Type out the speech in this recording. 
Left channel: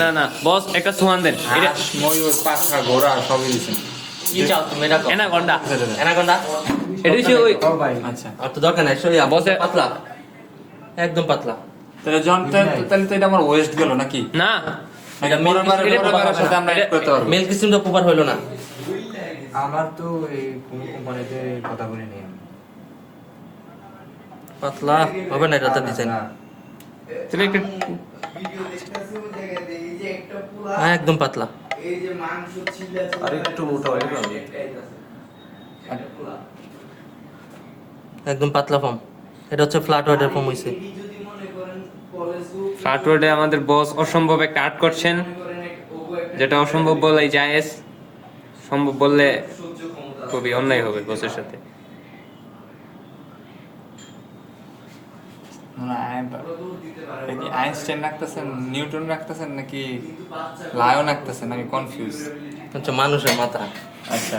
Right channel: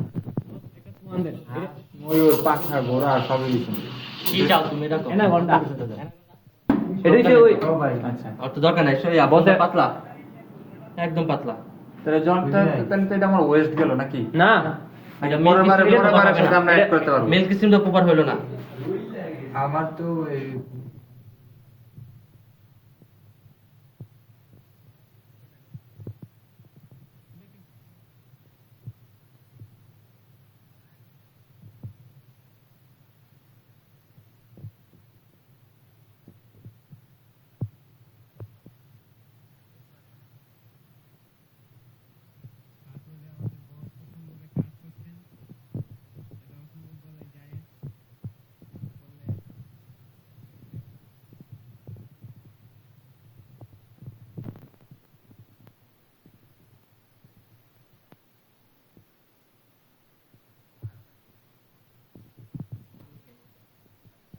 না না বস একটা সুহান দেন এটা হাঁস, ময়ূর, পাখা, ঘোড়া সবই দিছেন। কি চাও তুমি এটা কও অ্যানাকোন্ডা অ্যানাকোন্ডা এটা হচ্ছে ওই আচ্ছা আর তো দরকার নাই সরি বসে পাতলা একদম পাতলা তাহলে যখন তাহলে তো এটা আমার ওয়েস্ট গেল নাকি? না এটা পরের বারের মিল্ক সাথে আমরা অ্যাড করতে পারবো। মিল্ক সিস্টেমটা প্রপার হইলো না আমার তো এই কোম্পানিতে কথা বলি নি আমি। পাতলা হবে না এটা তো ডিজাইন তুমি একটা একদম পাতলা আর একটু মোটা হলে ভালো। একদম পাতলা ফর্ম এটা হচ্ছে ফ্ল্যাট ওয়াটার ফর্ম হইছে ফ্ল্যাটওয়ার্ডে আমাদের বস অসম্ভব একটা আর্ট করছেন, যেটা অসম্ভব বলাই জায়েজ, সম্ভব বললে খুবই অন্যায় হবে বসের সাথে। আইনস্টাইন রাখতেছেন, নিউটন রাখতেছেন নাকি লায়ন রাখতেছেন? আমি কনফিউজ। হচ্ছে মানুষের মাথা আচ্ছা